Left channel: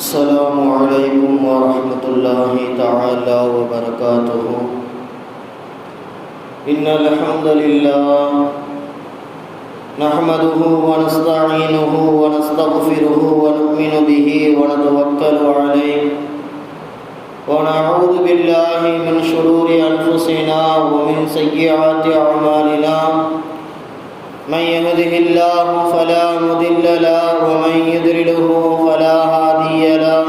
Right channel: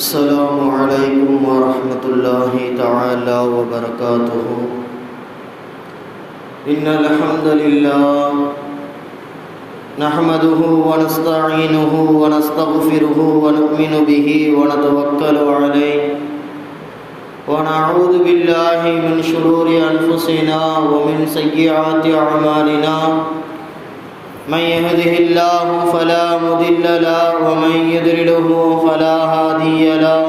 السلام عليكم ورحمة الله تعالى وبركاته. إن الحمد لله نحمده ونستعينه ونستغفره ونؤمن به ونتوكل عليه ونعوذ بالله من شرور أنفسنا ومن سيئات أعمالنا. من يهده الله فلا مضل له ومن يضلله فلا هادي له.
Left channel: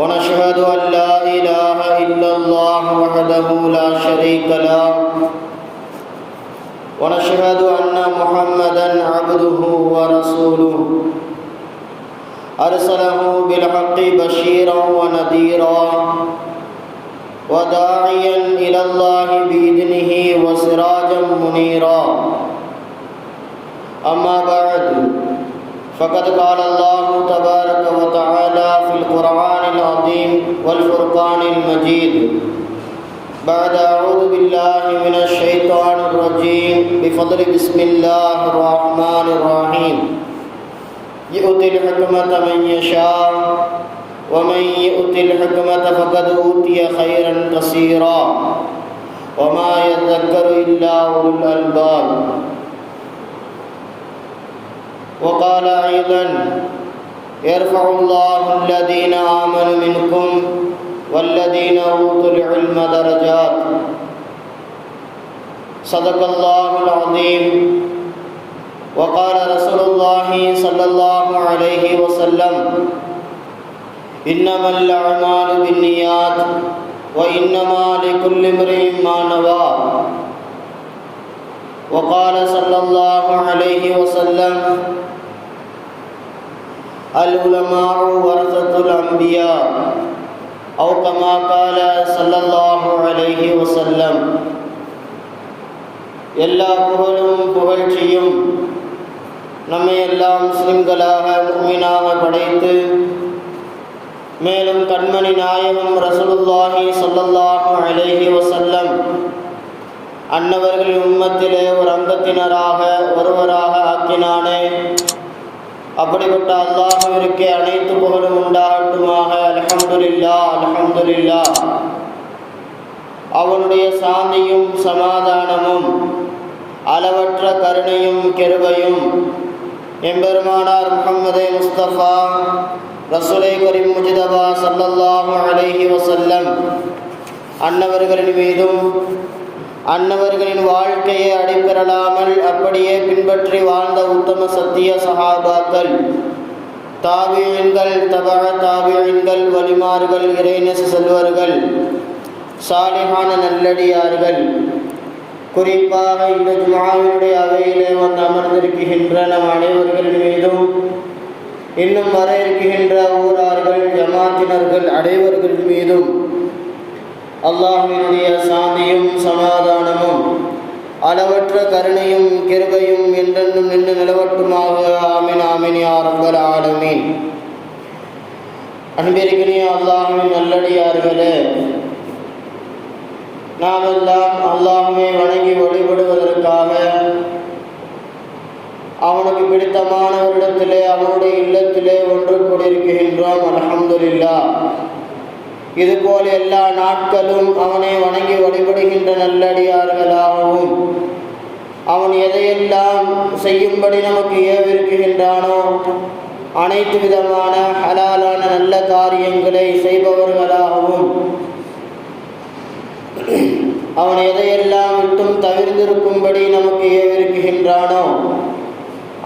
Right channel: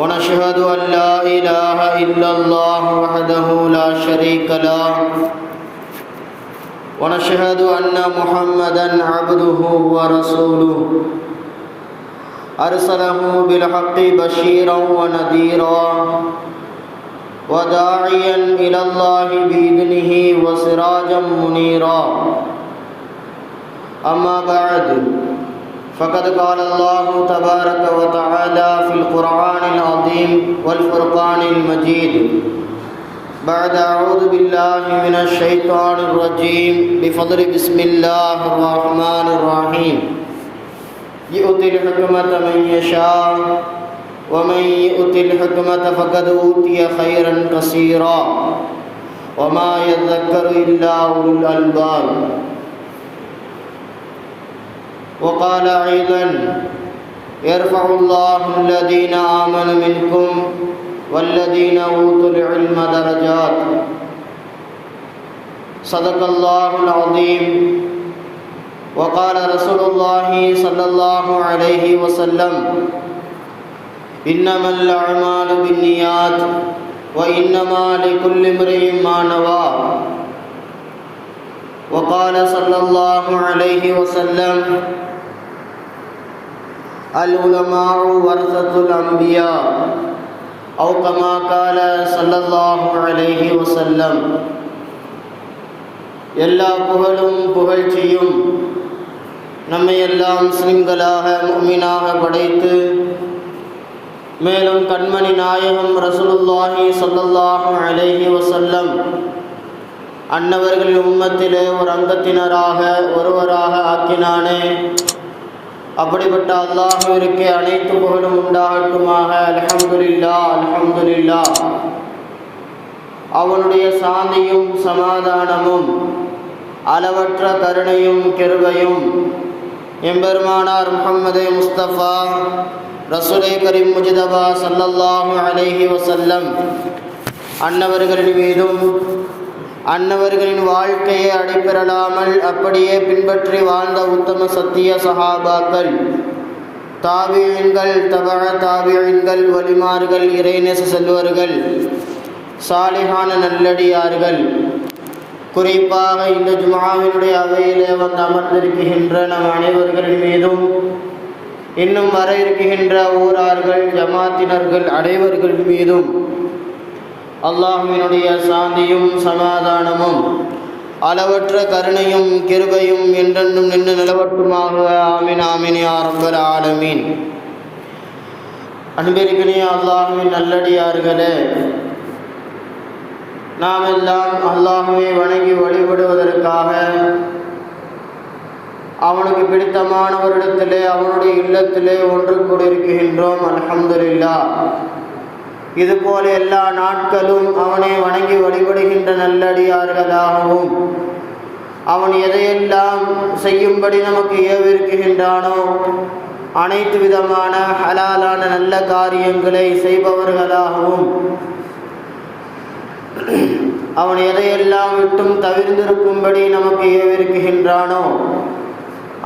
ونشهد أن لا إله إلا الله وحده لا شريك له. ونشهد أن محمدا عبده ورسوله أرسله بالحق بشيرا ونذيرا وداعيا إلى الله بإذنه وسراجا منيرا. أما بعد فقد قال الله تبارك وتعالى في القرآن العظيم والفرقان المجيد بعد أعوذ بالله من الشيطان الرجيم بفضل بسم الله الرحمن الرحيم. يؤتي الحكمة من يشاء ومن يؤت الحكمة فقد أوتي خيرا كثيرا وما يذكر إلا أولو الألباب. وقال أيضا يرفع الله الذين آمنوا منكم والذين أوتوا العلم درجات. صدق الله العظيم. وقال رسول الله صلى الله عليه وسلم إنما الأعمال بالنيات وإنما لكل امرئ ما نوى. وقال صلى الله عليه وسلم العلماء ورثة الأنبياء أو كما قال صلى الله عليه وسلم. எல்லா புகழும் புகழ்ச்சியும் நம்மை எல்லாம் முஸ்லிம்களாக முஃமினாக படைத்து மேலும் கண்மணி நாயகம் ரசூலுல்லாஹி ஸல்லல்லாஹு அலைஹி வஸல்லம் அன்னவர்களின் உம்மத்திலே ஒரு அங்கத்தினராக ஒருவராக ஆக்கினானே. அப்படிப்பட்ட அல்லாஹ்விற்கு அனைத்து புகழும் உண்டாகட்டுமாக. அல்ஹம்துலில்லாஹ் அல்ஹம்துலில்லாஹ். அவனுடைய சாந்தியும் சமாதானமும் அளவற்ற கருணையும் கிருபையும் எம்பெருமானார் முஹம்மது முஸ்தபா ரசூலை கரீம் முஜ்தபா ஸல்லல்லாஹு அலைஹி வஸல்லம் அன்னவர்களின் மீதும் அன்னவர்களின் வாழ்க்கையை அடிபெறலாமல் அப்படியே பின்பற்றி வாழ்ந்த உத்தம சத்திய சஹாபாக்கள், தாபிஈன்கள், தபஅ தாபிஈன்கள், வலிமார்கள், இறைநேச செல்வர்கள், சாலிஹான நல்லடியார்கள், குறிப்பாக இந்த ஜும்ஆவினுடைய அவையிலே வந்து அமர்ந்திருக்கின்ற நம் அனைவர்களின் மீதும் இன்னும் வர இருக்கின்ற ஊரார்கள், ஜமாத்தினர்கள் அனைவர்கள் மீதும் அல்லாஹ்வினுடைய சாந்தியும் சமாதானமும் அளவற்ற கருணையும் கிருபையும் என்றென்றும் நின்று நிலவட்டுமாக. ஆமீன் ஆமீன் யா ரப்பல் ஆலமீன். அன்பிற்குரிய அல்லாஹ்வின் நல்லடியார்களே, நாம் எல்லாம் அல்லாஹ்வை வணங்கி வழிபடுவதற்காக அவனுக்கு பிடித்தமானவரிடத்திலே அவனுடைய இல்லத்திலே ஒன்று கூடியிருக்கின்றோம். அல்ஹம்துலில்லாஹ். இதுபோல எல்லா நாட்களும் அவனை வணங்கி வழிபடுகின்ற நல்லடியார்களாகவும் அவன் எதையெல்லாம் செய்யும்படி நமக்கு ஏவிருக்கின்றானோ அனைத்து விதமான ஹலாலான நல்ல காரியங்களை செய்பவர்களாகவும் அவன் எதையெல்லாம் விட்டும் தவிர்ந்திருக்கும்படி நமக்கு ஏவிருக்கின்றானோ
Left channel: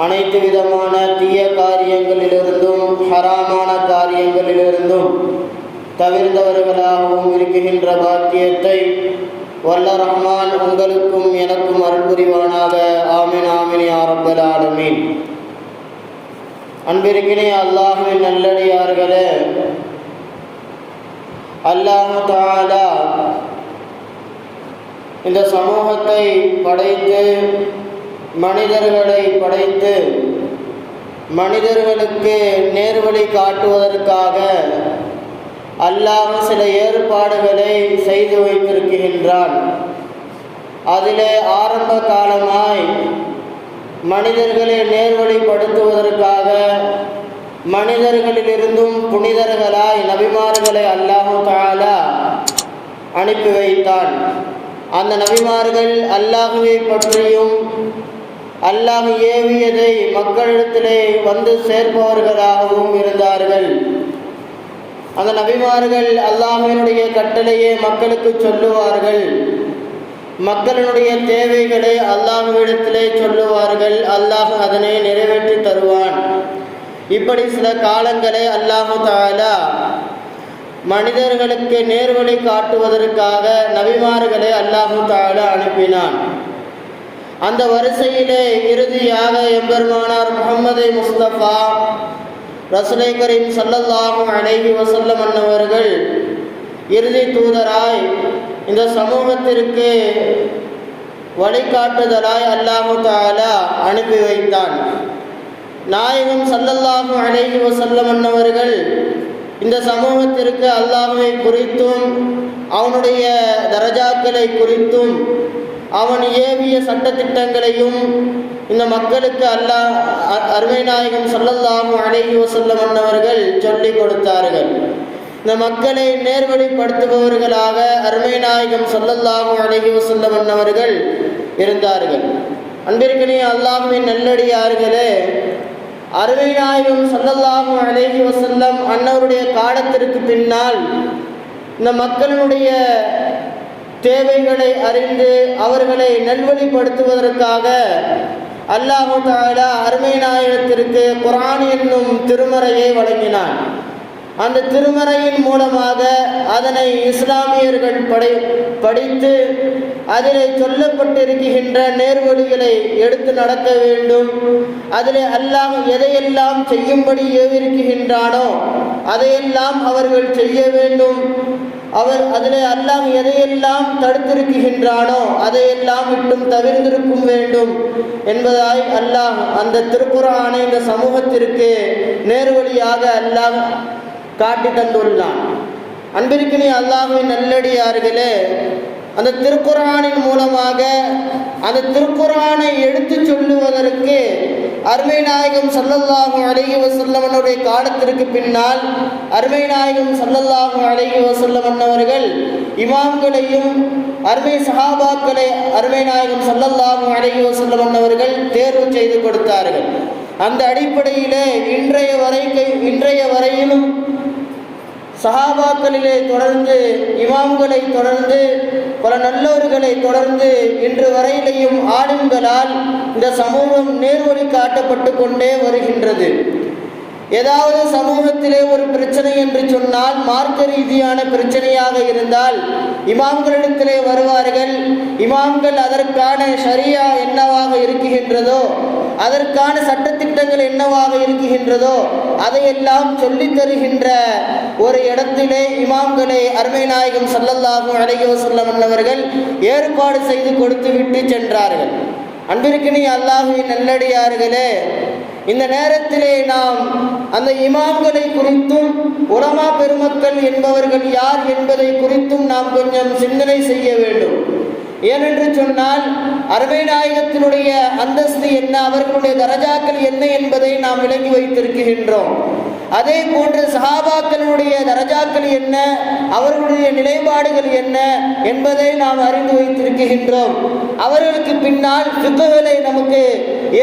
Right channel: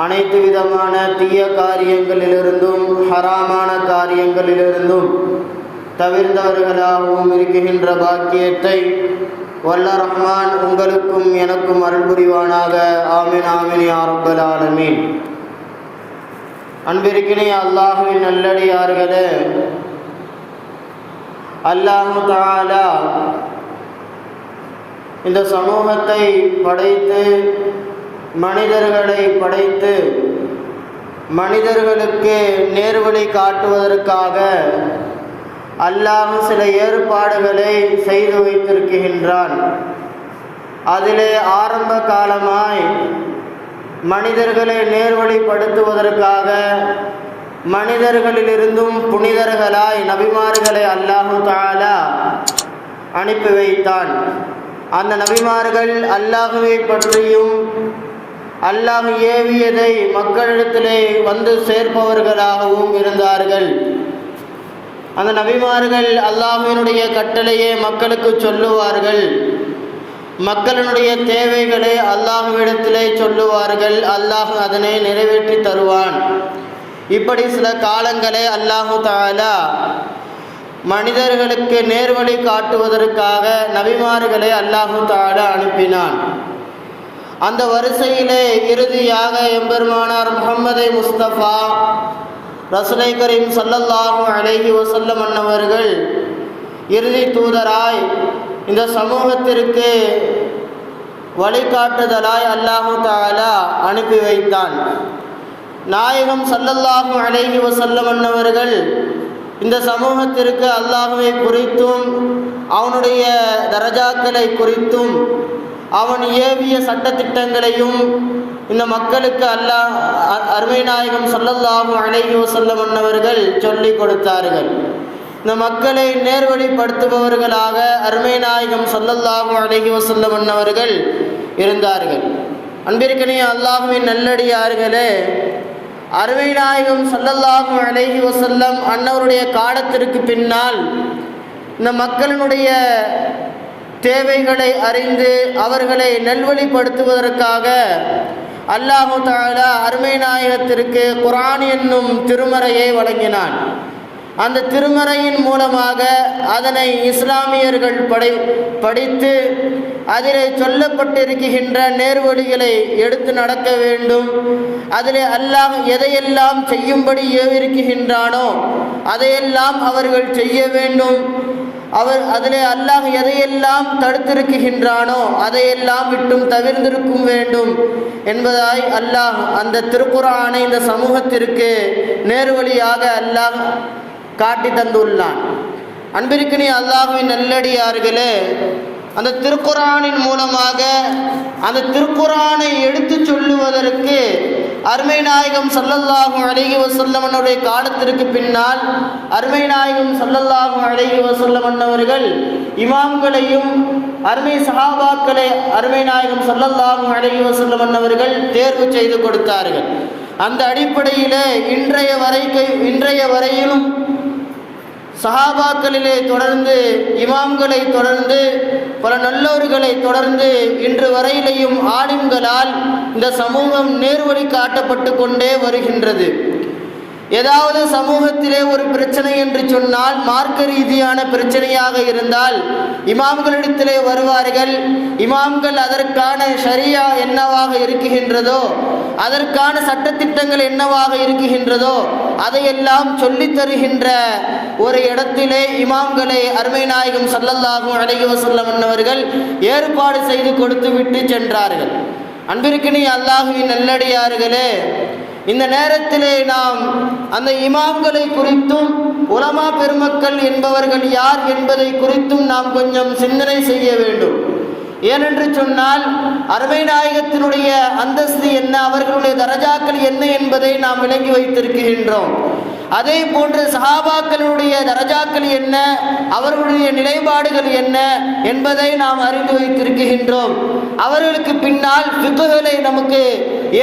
அனைத்து விதமான தீய காரியங்களிலிருந்தும் ஹராமான காரியங்களிலிருந்தும் தவிர்ந்தவர்களாகவும் இருக்கின்ற பாக்கியத்தை வல்ல ரஹ்மான் உங்களுக்கும் எனக்கும் அருள் புரிவானாக. ஆமீன் ஆமீன் யா ரப்பல் ஆலமீன். அன்பிற்கினிய அல்லாஹ்வின் நல்லடியார்களே, அல்லாஹ் தஆலா இந்த சமூகத்தை படைத்து மனிதர்களை படைத்து மனிதர்களுக்கு நேர்வழி காட்டுவதற்காக அல்லாஹ் சில ஏற்பாடுகளை செய்து வைத்திருக்கின்றான். அதிலே ஆரம்ப காலமாய் மனிதர்களை நேர்வழிப்படுத்துவதற்காக மனிதர்களிலிருந்தும் புனிதர்களாய் நபிமார்களை அல்லாஹு தஆலா அனுப்பி வைத்தான். அந்த நபிமார்கள் அல்லாஹுவை பற்றியும் அல்லாஹ் ஏவியதை மக்களிடத்திலே வந்து சேர்ப்பவர்களாகவும் இருந்தார்கள். அந்த நபிமார்கள் அல்லாஹ்வினுடைய கட்டளையை மக்களுக்கு சொல்லுவார்கள். மக்களினுடைய தேவைகளை அல்லாஹ்விடத்திலே சொல்லுவார்கள். அல்லாஹ் அதனை நிறைவேற்றி தருவான். இப்படி சில காலங்களே அல்லாஹு தஆலா மனிதர்களுக்கு நேர்வழி காட்டுவதற்காக நபிமார்களை அல்லாஹு தஆலா அனுப்பினான். அந்த வரிசையிலே இறுதியாக எம்பெருமானார் முஹம்மது முஸ்தபா ரசூலை கரீம் ஸல்லல்லாஹு அலைஹி வஸல்லம் அன்னவர்கள் இறுதி தூதராய் இந்த சமூகத்திற்கு வழிகாட்டுதலாய் அல்லாஹு தஆலா அனுப்பி வைத்தான். நாயகம் ஸல்லல்லாஹு அலைஹி வஸல்லம் அன்னவர்கள் இந்த சமூகத்திற்கு அல்லாஹ்வை குறித்தும் அவனுடைய தரஜாக்களை குறித்தும் அவன் ஏவிய சட்டத்திட்டங்களையும் இந்த மக்களுக்கு அல்லாஹ் அருமை நாயகம் ஸல்லல்லாஹு அலைஹி வஸல்லம் அன்னவர்கள் சொல்லிக் கொடுத்தார்கள். இந்த மக்களை நேர்வழிப்படுத்துபவர்களாக அருமை நாயகம் ஸல்லல்லாஹு அலைஹி வஸல்லம் அன்னவர்கள் இருந்தார்கள். அன்பிற்கினிய அல்லாஹ்வின் நல்லடியார்களே, அருமை நாயகம் ஸல்லல்லாஹு அலைஹி வஸல்லம் அன்னவருடைய காலத்திற்கு பின்னால் இந்த மக்களினுடைய தேவைகளை அறிந்து அவர்களை நல்வழிப்படுத்துவதற்காக அல்லாஹு தஆலா அருமை நாயகத்திற்கு குர்ஆன் என்னும் திருமறையை வழங்கினான். அந்த திருமறையின் மூலமாக அதனை இஸ்லாமியர்கள் படித்து அதிலே சொல்லப்பட்டிருக்கின்ற நேர்வழிகளை எடுத்து நடக்க வேண்டும். அதிலே அல்லாஹ் எதையெல்லாம் செய்யும்படி ஏவிருக்கின்றானோ அதையெல்லாம் அவர்கள் செய்ய வேண்டும். அதிலே அல்லாஹ் எதையெல்லாம் தடுத்திருக்கின்றானோ அதையெல்லாம் விட்டும் தவிர்ந்திருக்கும் வேண்டும் என்பதாய் அல்லாஹ் அந்த திருக்குர்ஆனை இந்த சமூகத்திற்கு நேர்வழியாக அல்லாஹ் காட்டி தந்துள்ளான். அன்பிற்கினிய அல்லாஹ்வின் நல்லடியார்களே, அந்த திருக்குர்ஆனின் மூலமாக அந்த திருக்குர்ஆனை எடுத்து சொல்லுவதற்கு அருமை நாயகம் ஸல்லல்லாஹு அலைஹி வஸல்லம் அவருடைய காலத்திற்கு பின்னால் அருமை நாயகம் ஸல்லல்லாஹு அலைஹி வஸல்லம் அவர்கள் இமாம்களையும் அருமை சஹாபாக்களை அருமை நாயகம் ஸல்லல்லாஹு அலைஹி வஸல்லம் அவர்கள் தேர்வு செய்து கொடுத்தார்கள். அந்த அடிப்படையிலே இன்றைய வரையிலும் சஹாபாக்களிலே தொடர்ந்து இமாம்களை தொடர்ந்து பல நல்லோர்களை தொடர்ந்து இன்று வரையிலையும் ஆலிம்களால் இந்த சமூகம் நேர்வழி காட்டப்பட்டு கொண்டே வருகின்றது. ஏதாவது சமூகத்திலே ஒரு பிரச்சனை என்று சொன்னால், மார்க்க ரீதியான பிரச்சனையாக இருந்தால் இமாம்களிடத்திலே வருவார்கள். இமாம்கள் அதற்கான ஷரியா என்னவாக இருக்குகின்றதோ, அதற்கான சட்டத்திட்டங்கள் என்னவாக இருக்குகின்றதோ அதையெல்லாம் சொல்லித் தருகின்ற ஒரு இடத்திலே இமாம்களை அருமை நாயகம் ஸல்லல்லாஹு அலைஹி வஸல்லம் அவர்கள் ஏற்பாடு செய்து கொடுத்து விட்டு சென்றார்கள். அன்பிற்கினிய அல்லாஹ்வின் நல்லடியார்களே, இந்த நேரத்திலே நாம் அந்த இமாம்களை குறித்தும் உலமா பெருமக்கள் என்பவர்கள் யார் என்பதை குறித்தும் நாம் கொஞ்சம் சிந்தனை செய்ய வேண்டும். ஏனென்று சொன்னால் அருமை நாயகத்தினுடைய அந்தஸ்து என்ன, அவர்களுடைய தரஜாக்கள் என்ன என்பதை நாம் விளங்கி வைத்திருக்கின்றோம். அதே போன்று சஹாபாக்களுடைய தரஜாக்கள் என்ன, அவர்களுடைய நிலைப்பாடுகள் என்ன என்பதை நாம் அறிந்து வைத்திருக்கின்றோம். அவர்களுக்கு பின்னால் ஃபிக்ஹ்களை நமக்கு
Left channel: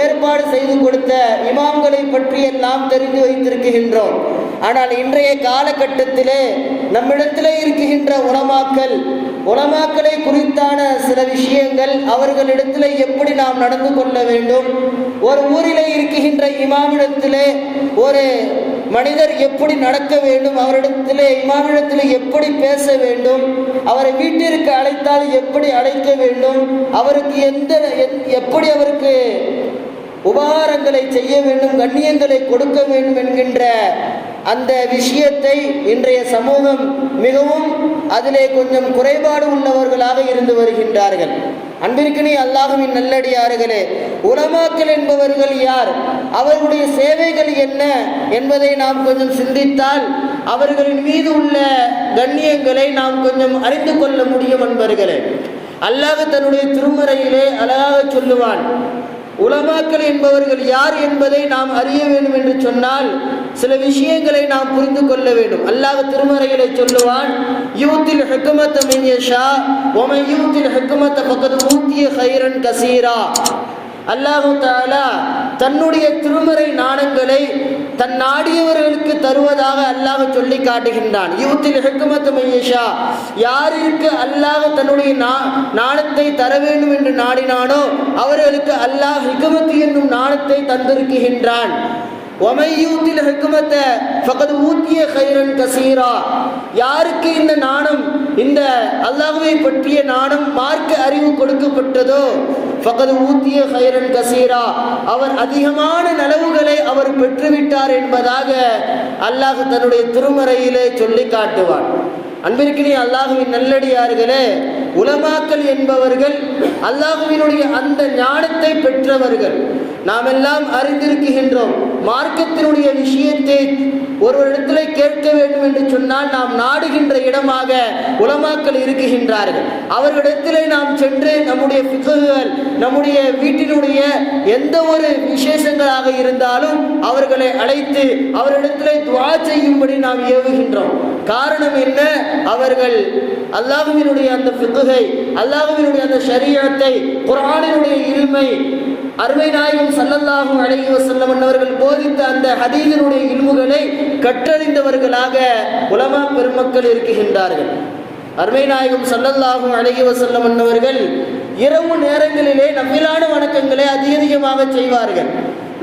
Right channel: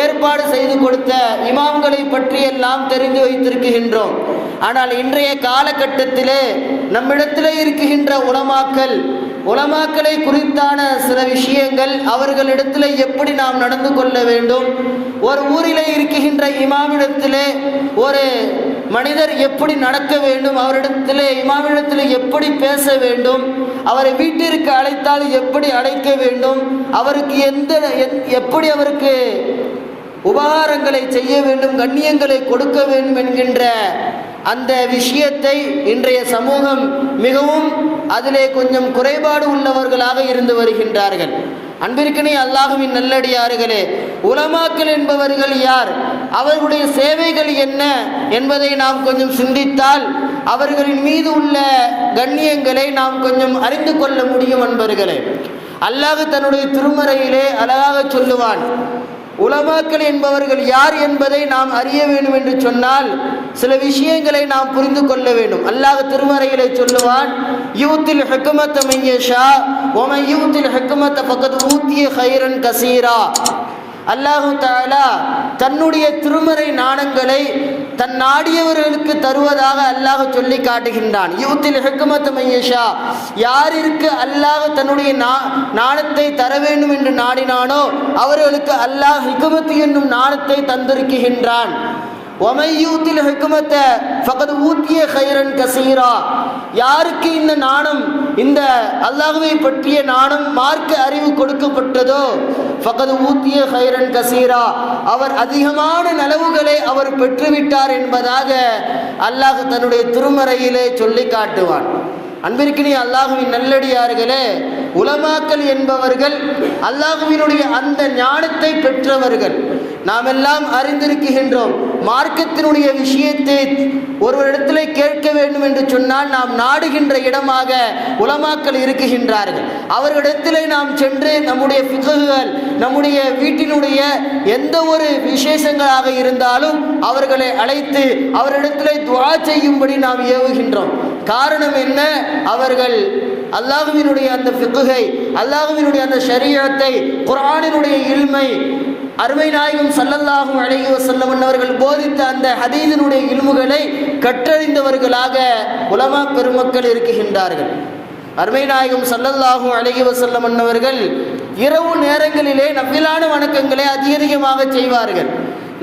ஏற்பாடு செய்து கொடுத்த இமாம்களை பற்றியெல்லாம் தெரிந்து வைத்திருக்கின்றோம். ஆனால் இன்றைய காலகட்டத்திலே நம்மிடத்திலே இருக்கின்ற உலமாக்களை குறித்தான சில விஷயங்கள், அவர்களிடத்திலே எப்படி நாம் நடந்து கொள்ள வேண்டும், ஒரு ஊரிலே இருக்கின்ற இமாமிடத்திலே ஒரு மனிதர் எப்படி நடக்க வேண்டும், அவரிடத்திலே இமாமிடத்திலே எப்படி பேச வேண்டும், அவரை வீட்டிற்கு அழைத்தால் எப்படி அழைக்க வேண்டும், அவருக்கு எப்படி அவருக்கு உபகாரங்களை செய்ய வேண்டும், கண்ணியங்களை கொடுக்க வேண்டும் என்கின்ற அந்த விஷயத்தை இன்றைய சமூகம் மிகவும் அதிலே கொஞ்சம் குறைபாடு உள்ளவர்களாக இருந்து வருகின்றார்கள். அன்பிற்கினிய அல்லாஹ்வின் நல்லடியார்களே, உலமாக்கள் என்பவர்கள் யார், அவர்களுடைய சேவைகள் என்ன என்பதை நாம் கொஞ்சம் சிந்தித்தால் அவர்களின் மீது உள்ள கண்ணியங்களை நாம் கொஞ்சம் அறிந்து கொள்ள முடியும். என்பர்களே, அல்லாஹ் தன்னுடைய திருமறையிலே அழகாக சொல்லுவான், உலமாக்கள் என்பவர்கள் யார் என்பதை நாம் அறிய வேண்டும் என்று சொன்னால் சில விஷயங்களை நாம் புரிந்து கொள்ள வேண்டும். அல்லாஹ் திருமறையிலே சொல்லுவான், யூத்தில் ஹிக்மத மன் யஷா வ மன் யூத்தில் ஹிக்மத ஃபகத் ஊதிய கைரன் கஸீரா. அல்லாஹ் தஆலா தன்னுடைய திருமறை ஞானங்களை தன் நாடியவர்களுக்கு தருவதாக அல்லாஹ் சொல்லி காட்டுகின்றான். யூத்தில் ஹிக்மத மன் யஷா, யாருக்கு அல்லாஹ் தன்னுடைய ஞானத்தை தர வேண்டும் என்று நாடினானோ அவர்களுக்கு அல்லாஹ் ஹிக்மத் என்னும் ஞானத்தை தந்திருக்கின்றான். وَمَنْ يُؤْتِ الْحِكْمَةَ فَقَدْ أُوتِيَ خَيْرًا كَثِيرًا. யாருக்கு இந்த ஞானம், இந்த அல்லாஹ்வை பற்றிய ஞானம், மார்க்க அறிவு கொடுக்கப்பட்டதோ فَقَدْ أُوتِيَ خَيْرًا كَثِيرًا, அவர் அதிகமான நலவுகளை அவர் பெற்றுவிட்டார் என்பதாக அல்லாஹ் தன்னுடைய திருமறையிலே சொல்லி காட்டுவான். அன்பிற்கினிய அல்லாஹ்வின் நல்லடியார்களே, உலமாக்கள் என்பவர்கள் அல்லாஹ்வினுடைய அந்த ஞானத்தை பெற்றவர்கள். நாம் எல்லாம் அறிந்திருக்கின்றோம், மார்க்கத்தினுடைய விஷயத்தை ஒருவரிடத்திலே கேட்க வேண்டும் என்று சொன்னால் நாம் நாடுகின்ற இடமாக உலமாக்கள் இருக்குகின்றார்கள். அவர்களிடத்திலே நாம் சென்று நம்முடைய ஃபிக்ஹுகள், நம்முடைய வீட்டினுடைய எந்த ஒரு விசேஷங்களாக இருந்தாலும் அவர்களை அழைத்து அவரிடத்திலே துஆ செய்யும்படி நாம் ஏவுகின்றோம். காரணம் என்ன? அவர்கள் அல்லாஹ்வினுடைய அந்த ஃபிக்ஹை, அல்லாஹ்வினுடைய அந்த ஷரீஅத்தை, குர்ஆனினுடைய இல்மை, அருமை நாயகம் ஸல்லல்லாஹு அலைஹி வஸல்லம் அவர்கள் போதித்த அந்த ஹதீஸினுடைய இல்முகளை கற்றறிந்தவர்களாக உலமா பெருமக்கள் இருக்குகின்றார்கள். அருமை நாயகம் ஸல்லல்லாஹு அலைஹி வஸல்லம் அவர்கள் இரவு நேரங்களிலே நஃபிலான வணக்கங்களை அதிகமாக செய்வார்கள்.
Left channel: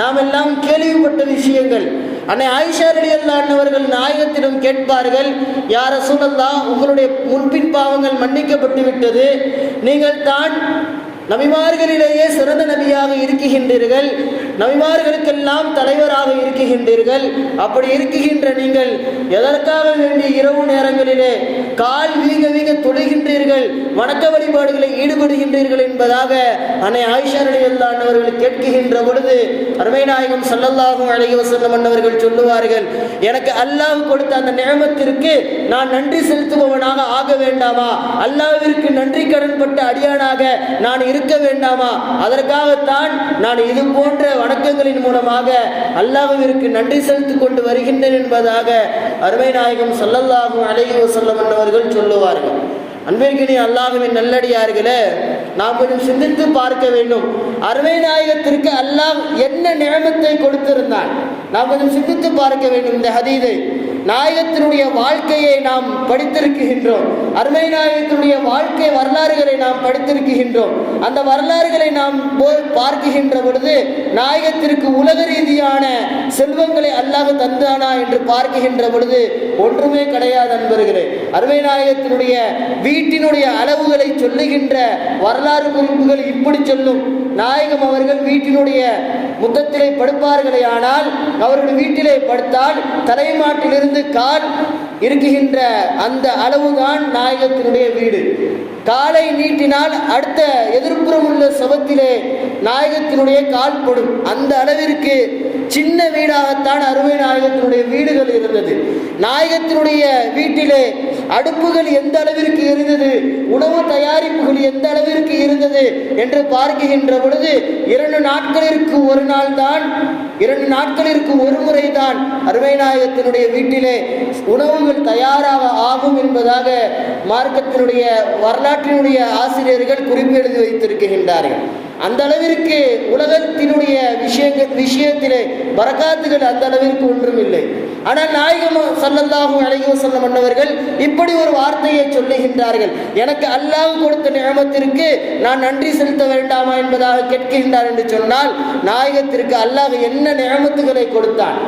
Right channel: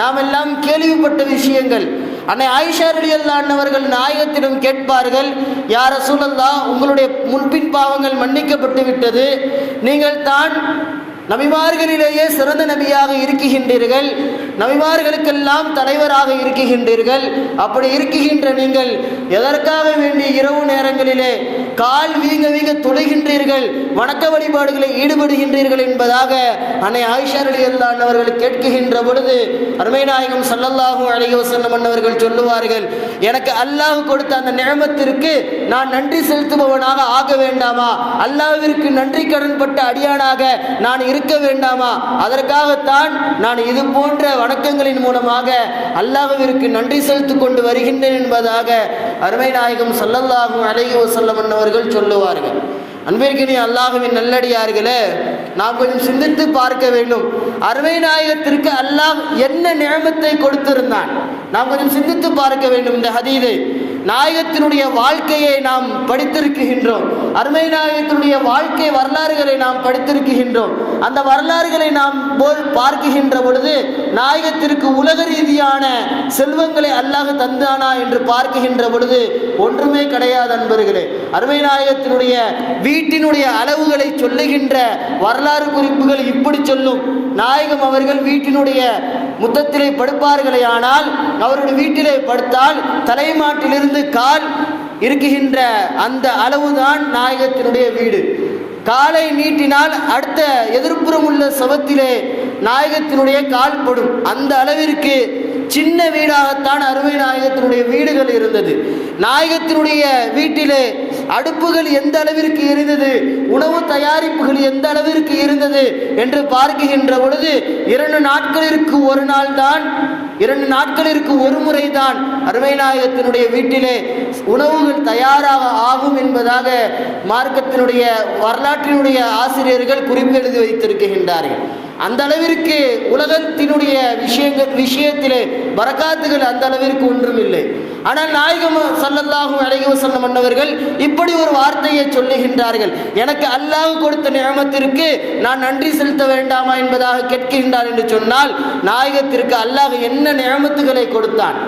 நாம் எல்லாம் கேள்விப்பட்ட விஷயங்கள். அன்னை ஆயிஷா ரலியல்லாஹு அன்ஹா அவர்கள் நாயகத்திடம் கேட்பார்கள், யா ரசூலல்லாஹ், உங்களுடைய முன்பின் பாவங்கள் மன்னிக்கப்பட்டு விட்டது, நீங்கள் தான் நபிமார்களிலேயே சிறந்த நபியாக இருக்குகின்றீர்கள், நபிமார்களுக்கெல்லாம் தலைவராக இருக்குகின்றீர்கள், அப்படி இருக்குகின்ற நீங்கள் எதற்காக வேண்டிய இரவு நேரங்களிலே கால் வீங்க வீங்க தொழுகின்றீர்கள், வணக்க வழிபாடுகளை ஈடுபடுகின்றீர்கள் என்பதாக அன்னை ஆயிஷா ரலியல்லாஹு அன்ஹா அவர்கள் கேட்கின்ற பொழுது அருமை நாயகம் ஸல்லல்லாஹு அலைஹி வஸல்லம் அவர்கள் சொல்லுவார்கள், எனக்கு அல்லாஹ் கொடுத்த அந்த நிஅமத்திற்கு நான் நன்றி செலுத்துபவனாக ஆக வேண்டாமா? அல்லாஹ்விற்கு நன்றி கடன்பட்ட அடியானாக நான் இருக்க வேண்டாமா? அதற்காகத்தான் நான் இது போன்ற வணக்கங்களின் மூலமாக அல்லாஹ்விற்கு நன்றி செலுத்திக் கொண்டு வருகின்றேன் என்பதாக அருமை நாயகம் ஸல்லல்லாஹு அலைஹி வஸல்லம் அவர்கள் சொல்லுவார்கள். அன்பிற்கினிய அல்லாஹ்வின் நல்லடியார்களே, நாம் கொஞ்சம் சிந்தித்து பார்க்க வேண்டும். அருமை நாயகத்திற்கு அல்லாஹ் என்ன நிஅமத்தை கொடுத்திருந்தான் நாம் கொஞ்சம் சிந்தித்து பார்க்க வேண்டும். இந்த ஹதீஸை, நாயகத்தினுடைய வாழ்க்கையை நாம் படித்திருக்கின்றோம், அருமை நாயகத்தினுடைய வாழ்க்கை வரலாறுகளை நாம் படித்திருக்கின்றோம். அந்த வரலாறுகளை நாம் பார்க்கின்ற பொழுது நாயகத்திற்கு உலக ரீதியான செல்வங்களை அல்லாஹ் தந்தானா என்று பார்க்கின்ற பொழுது ஒன்றுமே கிடையாது. அன்பர்களே, அருமை நாயகத்தினுடைய வீட்டினுடைய அளவுகளை சொல்லுகின்ற வரலாறு குறிப்புகள் இப்படி சொல்லும். நாயகம் அவர்கள் வீட்டினுடைய முத்தத்திலே படுப்பார்களே, ஆனால் அவருடைய வீட்டிலே படுத்தால் தலைமாட்டிலிருந்து கால் இருக்குகின்ற அந்த அளவுதான் நாயகத்தினுடைய வீடு. காலை நீட்டினால் அடுத்த எதிர்ப்புறம் உள்ள சவத்திலே நாயகத்தினுடைய கால் படும். அந்த அளவிற்கு சின்ன வீடாகத்தான் அருமை நாயகத்தினுடைய வீடுகள் இருந்தது. நாயகத்தினுடைய வீட்டிலே அடுப்புகள் எந்த அளவிற்கு இருந்தது, உணவு தயாரிப்புகள் எந்த அளவிற்கு இருந்தது என்று பார்க்கின்ற பொழுது 2 நாட்களிற்கு ஒரு நாள் தான், 2 நாட்களிற்கு ஒரு முறை தான் அருமை நாயகத்தினுடைய வீட்டிலே உணவுகள் தயாராக ஆகும் என்பதாக மார்க்கத்தினுடைய வரலாற்றினுடைய ஆசிரியர்கள் குறிப்பெழுதி வைத்திருக்கின்றார்கள். அந்த அளவிற்கு உலகத்தினுடைய விஷயத்திலே பரக்காத்துகள் அந்த அளவிற்கு ஒன்றுமில்லை. ஆனால் நாயகம் ஸல்லல்லாஹு அலைஹி வஸல்லம் அவர்கள் இப்படி ஒரு வார்த்தையை சொல்லுகின்றார்கள், எனக்கு அல்லாஹ் கொடுத்த நிஅமத்திற்கு நான் நன்றி செலுத்த வேண்டாமா என்பதாக கேட்கின்றார் என்று சொன்னால், நாயகத்திற்கு அல்லாஹ் என்ன நிஅமத்துகளை கொடுத்தான்?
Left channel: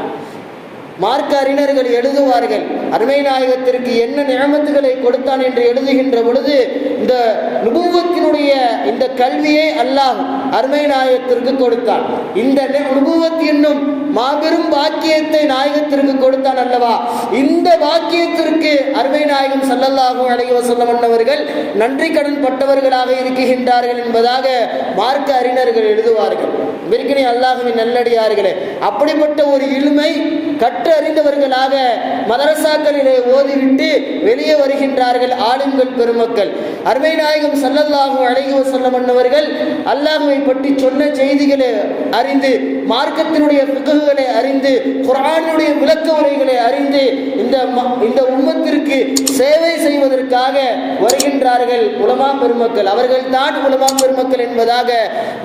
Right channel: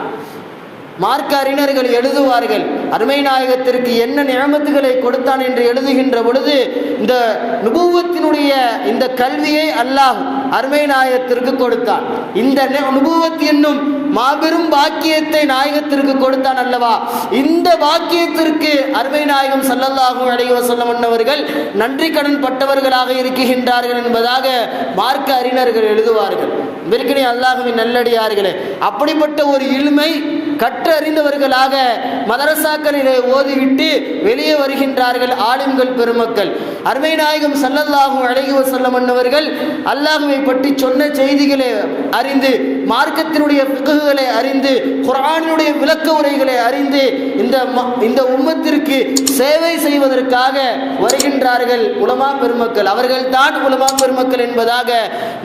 மார்க்க அறிஞர்கள் எழுதுவார்கள், அருமை நாயகத்திற்கு என்ன நிஅமத்துகளை கொடுத்தான் என்று எழுதுகின்ற பொழுது இந்த நுபுவத்தினுடைய இந்த கல்வியை அல்லாஹ் அருமை நாயகத்திற்கு கொடுத்தான். இந்த நுபுவத் என்னும் மாபெரும் பாக்கியத்தை நாயகத்திற்கு கொடுத்தான் அல்லவா? இந்த பாக்கியத்திற்கு அருமை நாயகம் ஸல்லல்லாஹு அலைஹி வஸல்லம் அவர்கள் நன்றி கடன் பட்டவர்களாக இருக்கின்றார்கள் என்பதாக மார்க்க அறிஞர்கள் எழுதுவார்கள். அன்பிற்கினிய அல்லாஹ்வின் நல்லடியார்களே, அப்படிப்பட்ட ஒரு இல்மை கற்று அறிந்தவர்களாக மதரசாக்களிலே ஓதிவிட்டு வெளியே வருகின்றார்கள் ஆலிம்கள் பெருமக்கள். அருமை நாயகம் ஸல்லல்லாஹு அலைஹி வஸல்லம் அவர்கள் அல்லாஹ்வை பற்றி சொன்ன செய்திகளை அறிந்து, மார்க்கத்தினுடைய ஃபிக்ஹுகளை அறிந்து, குர்ஆனுடைய விளக்க உரைகளை அறிந்து இந்த உம்மத்திற்கு சேவை செய்வதற்காக வருகின்றார்கள் உலமா பெருமக்கள். அவர்கள் தான் உலமா பெருமக்கள் என்பதாக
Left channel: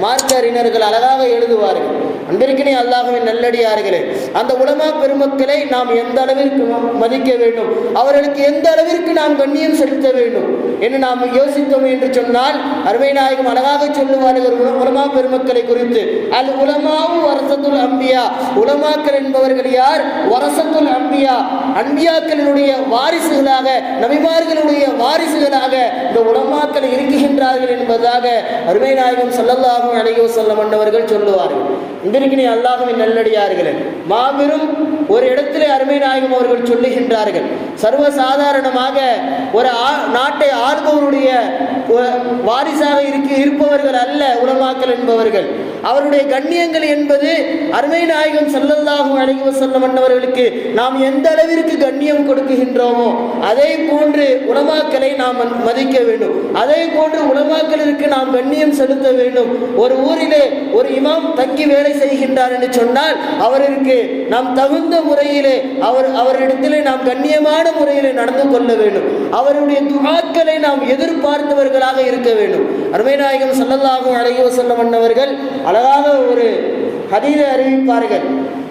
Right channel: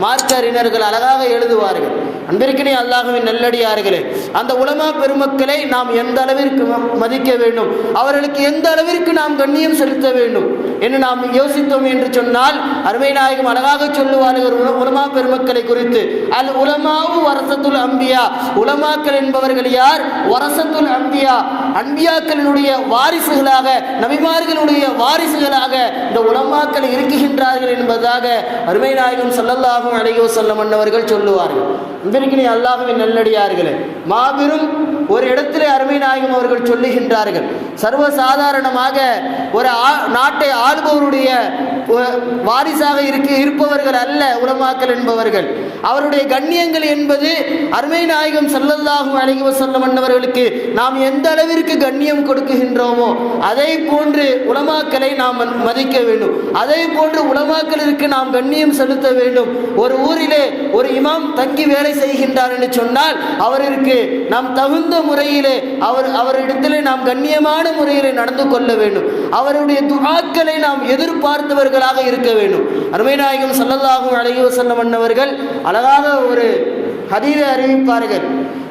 மார்க்க அறிஞர்கள் அழகாக எழுதுவார்கள். அன்பிற்கினிய அல்லாஹ்வின் நல்லடியார்களே, அந்த உலமா பெருமக்களை நாம் எந்த அளவிற்கு மதிக்க வேண்டும், அவர்களுக்கு எந்த அளவிற்கு நாம் கண்ணியம் செலுத்த வேண்டும் என்று நாம் யோசித்தோம் என்று சொன்னால், அருமை நாயகம் அழகாக சொல்லுவார்கள் உலமா பெருமக்களை குறித்து. அல் உலமாவும் வரசத்துல் அம்பியா, உலமாக்கள் என்பவர்கள் யார்? வரசத்துல் அம்பியா, அன்பியாக்களினுடைய வாரிசுகளாக, நபிமார்களுடைய வாரிசுகளாக இந்த உலமாக்கள் இருக்குகின்றார்கள் என்பதாக அருமை நாயகம் ஸல்லல்லாஹு அலைஹி வஸல்லம் அவர்கள் சொல்லுவார்கள். அன்பிற்கினிய அல்லாஹ்வின் நல்லடியார்களே, மாபெரும் ஒரு இடத்திலே அருமை நாயகம் அவர்கள் சொல்லுகின்றார்கள், சர்வசாதாரணமாக ஒரு நாட்டை ஆள்பவருடைய வாரிசாக இருப்பவர்கள் அல்ல உலமாக்கள் என்பவர்கள். அவருடைய கண்ணியங்கள் என்பது அருமை நாயகம் ஸல்லல்லாஹு அலைஹி வஸல்லம் அவர்களுக்கு நாம் எந்த அளவிற்கு கண்ணியம் கொடுக்குகின்றோமோ அதே போன்று உலமாக்களை நாம் மதிக்க வேண்டும். அதே போன்று உலமாக்களுக்கு நாம் கண்ணியம் செலுத்த வேண்டும். ஒரு ஊரிலே ஒரு இமாம் தங்கி வேலை செய்கின்றார் என்று சொன்னால் அவருக்கு நாம் தகுந்த முறையிலே அவரிடத்திலே நாம் கண்ணியமான முறையிலே நடந்து கொள்ள வேண்டும். அவருடைய துஆக்களை நாம் எதிர்பார்த்தவர்களாக இருக்க வேண்டும். அருமை நாயகம் ஸல்லல்லாஹு அலைஹி வஸல்லம் அவர்கள் அழகாக ஒரு ஹதீஸை அறிவிப்பார்கள்.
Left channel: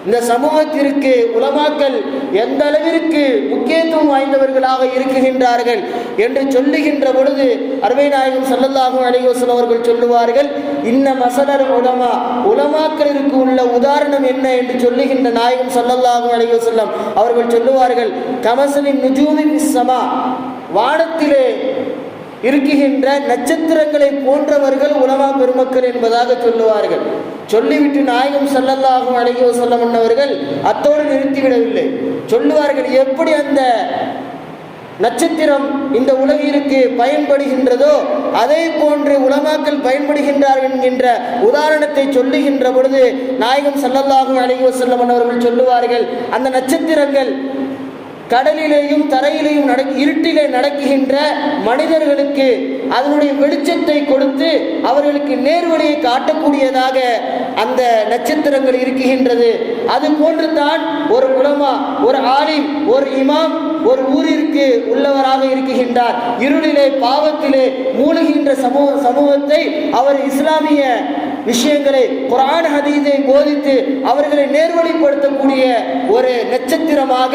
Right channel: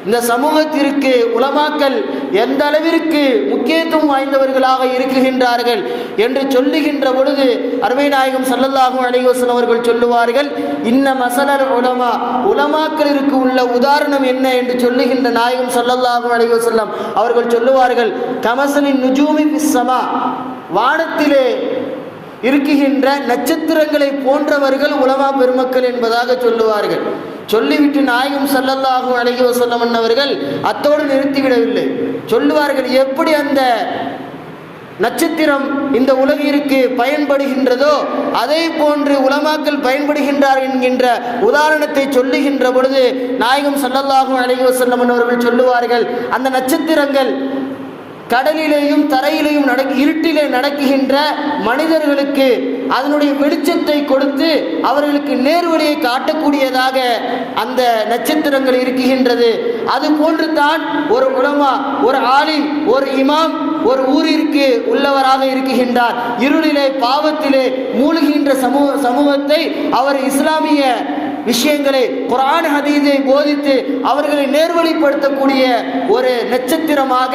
இந்த சமூகத்திற்கு உலமாக்கள் எந்த அளவிற்கு முக்கியத்துவம் வாய்ந்தவர்களாக இருக்குகின்றார்கள் என்று சொல்லுகின்ற பொழுது அருமை நாயகம் ஸல்லல்லாஹு அலைஹி வஸல்லம் அவர்கள் சொல்லுவார்கள், இன்ன மஸலல் உலமா, உலமாக்களிற்கு உள்ள உதாரணம் என்ன என்று சொல்லுகின்ற நாயகம் ஸல்லல்லாஹு அலைஹி வஸல்லம் அவர்கள் சொல்லுவார்கள், கமஸலின் நுஜூமி ஃபிஸ் ஸமா, வானத்திலே இருக்குகின்ற நட்சத்திரங்களை போன்றவர்கள் உலமா பெருமக்கள் என்பதாக சொல்லுவார்கள். சொல்லிவிட்டு நாயகம் ஸல்லல்லாஹு அலைஹி வஸல்லம் அவர்கள் அத்தோடு நிறுத்திவிடவில்லை. சொல்லுவார்கள், எப்படி அந்த நட்சத்திரம் இந்த உலகிற்கு பயன்படுகின்றதோ அதே போன்று உலமாக்கள் பயன்படுகின்றார்கள் என்கின்ற உதாரணத்தை சொல்லுகின்ற பொழுது நாயகம் ஸல்லல்லாஹு அலைஹி வஸல்லம் அவர்கள் சொல்லுவார்கள், அந்த நட்சத்திரங்கள் கடலிலேயும் தரையிலேயும் இருட்டிலே நடக்குகின்ற மனிதர்களுக்கு அதனுடைய வெளிச்சத்தை கொடுத்து அவர்களுக்கு நேர்வழியை காட்டக்கூடியதாக அந்த நட்சத்திரங்கள் இருக்குகின்றது. அது போன்று தான் ஒரு உலமா, ஒரு ஆலிம், ஒரு இமாம் ஒரு ஊரிற்கு உள்ளவராக இருக்குகின்றார். இருளிலே பாவத்திலே மூழ்கின்ற சமூகத்தை அவர் இஸ்லாமிய விஷயங்களை, குர்ஆன் ஹதீஸை போதித்து அவர்களை நேர்வழிப்படுத்தக்கூடிய ஒரு நட்சத்திரமாக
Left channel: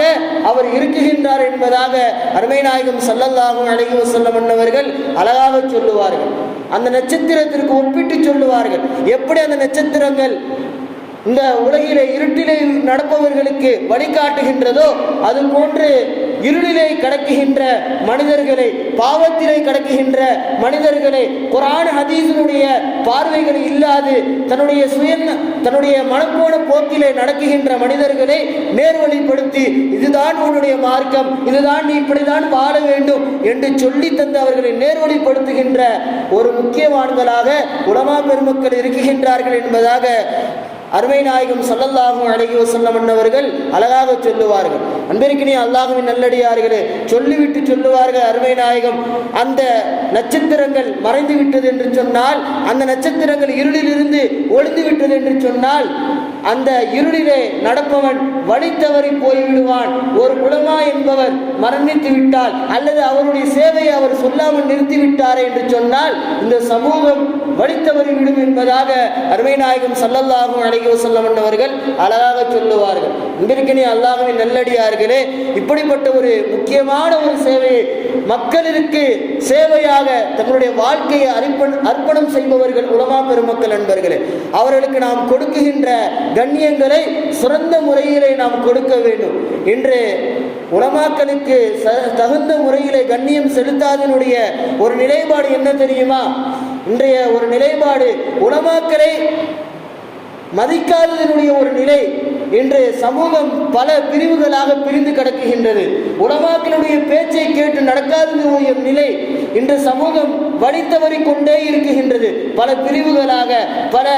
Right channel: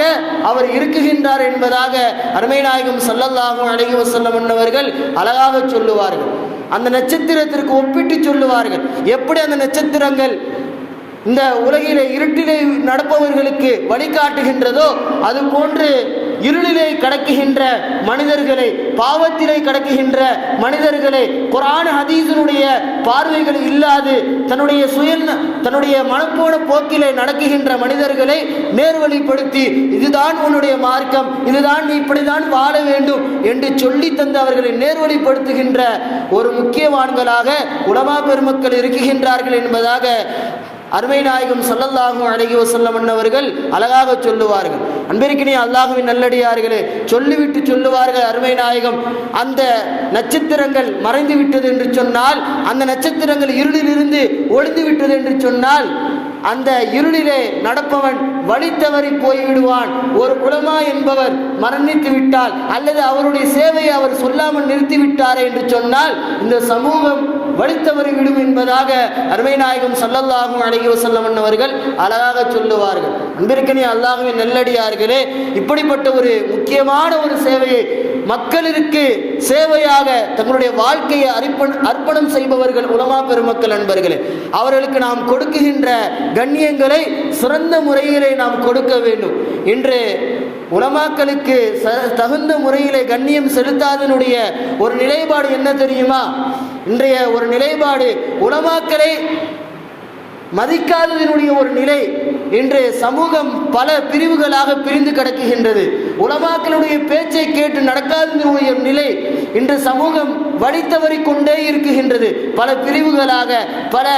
அவர் இருக்குகின்றார் என்பதாக அருமை நாயகம் ஸல்லல்லாஹு அலைஹி வஸல்லம் அவர்கள் அழகாக சொல்லுவார்கள். அந்த நட்சத்திரத்திற்கு ஒப்பிட்டு சொல்லுவார்கள், எப்படி அந்த நட்சத்திரங்கள் இந்த உலகிலே இருட்டிலே நடப்பவர்களுக்கு வழிகாட்டுகின்றதோ அது போன்று இருளிலே கடக்குகின்ற மனிதர்களை, பாவத்திலே கடக்குகின்ற மனிதர்களை, குர்ஆன் ஹதீஸினுடைய பார்வைகள் இல்லாது தன்னுடைய மனப்போன போக்கிலே நடக்குகின்ற மனிதர்களை நேர்வழிப்படுத்தி இதுதான் உன்னுடைய மார்க்கம், இதுதான் நீ இப்படிதான் வாழ வேண்டும் என்று சொல்லி தந்து அவர்களை நேர்வழிப்படுத்துகின்ற ஒரு முக்கியவான்களாக உலமா பெருமக்கள் இருக்குகின்றார்கள் என்பதாக அருமை நாயகம் ஸல்லல்லாஹு அலைஹி வஸல்லம் அவர்கள் அழகாக சொல்லுவார்கள். அன்பிற்கினிய அல்லாஹ்வின் நல்லடியார்களே, சொல்லிவிட்டு சொல்லுவார்கள் அருமை நாயகம், அந்த நட்சத்திரங்கள் மறைந்து விட்டது என்று சொன்னால், அந்த நட்சத்திரங்கள் இருளிலிருந்து ஒளிந்து விட்டது என்று சொன்னால், அந்த இருளிலே நடப்பவன் வழி தவறி போய்விடுவான். ஒரு உலமா என்பவர் மரணித்து விட்டால் அல்லது அவருடைய சேவையை அவர் சொல்லாமல் நிறுத்திவிட்டாரே என்று சொன்னால் இந்த சமூகம் வழி தவறி விடும் என்பதாக அருமை நாயகம் ஸல்லல்லாஹு அலைஹி வஸல்லம் அவர்கள் அழகாக சொல்லுவார்கள். அன்பிற்கினிய அல்லாஹ்வின் நல்லடியார்களே, இப்படிப்பட்ட ஒரு முக்கியமான ஒரு சேவையை மக்களிற்கு சேவையாக தங்களுடைய வாழ்க்கையை அர்ப்பணம் செய்பவர்கள் உலமா பெருமக்கள் நண்பர்களே. அவர்களுக்கு நாம் கொடுக்குகின்ற கண்ணியங்களை சிறந்த முறையிலே நாம் கொடுக்க வேண்டும். இன்று உலமாக்களுக்கு தகுந்த முறையிலே கண்ணியம் செலுத்தாதனுடைய ஒரு நிலைப்பாடு என்ன தெரியுமா? இன்றைய ஒரு நிலைப்பாடு உலமாக்களை மதிக்காததனுடைய ஒரு நிலை. இன்று சமூகம் பல பிரிவுகளாக பிரிந்து கிடக்குகின்றது. உலமாக்களுடைய பேச்சை கேட்டு நடக்காததனுடைய நிலை இன்று சமூகம் வழி தவறி கொண்டே இருக்குகின்றது. பல பிரிவுகளாக, பல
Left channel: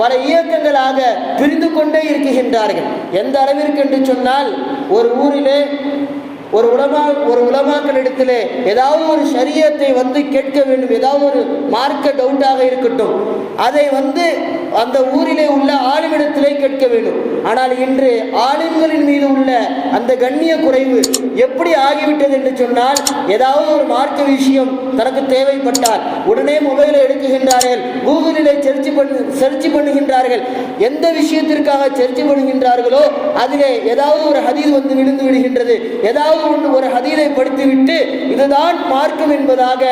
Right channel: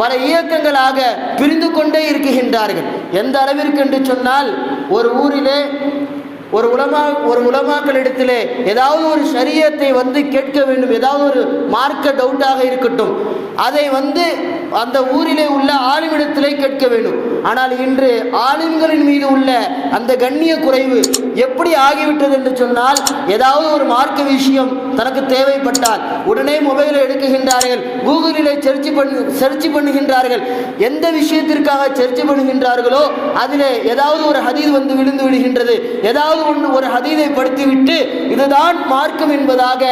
பல இயக்கங்களாக பிரிந்து கொண்டே இருக்கின்றார்கள். எந்த அளவிற்கு என்று சொன்னால், ஒரு ஊரிலே ஒரு உலமாக்களிடத்திலே ஏதாவது ஒரு ஷரியத்தை கேட்க வேண்டும், ஏதாவது ஒரு மார்க்க டவுட்டாக இருக்கட்டும், அதை அந்த ஊரிலே உள்ள ஆலிமிடத்திலே கேட்க வேண்டும். ஆனால் இன்று ஆலிம்களின் மீது உள்ள அந்த கண்ணிய குறைவு எப்படி ஆகிவிட்டது என்று சொன்னால், ஏதாவது ஒரு மார்க்க விஷயம் தனக்கு தேவைப்பட்டால் உடனே மொபைலை எடுக்குகின்றார்கள், கூகுளிலே சர்ச் பண்ணுகின்றார்கள். எந்த விஷயத்திற்காக சர்ச் பண்ணுகின்றார்களோ அதிலே ஏதாவது ஒரு ஹதீஸ் விழுந்து விடுகின்றது. ஏதாவது ஒரு ஹதீஸை படித்துவிட்டு இதுதான் மார்க்கம் என்பதாக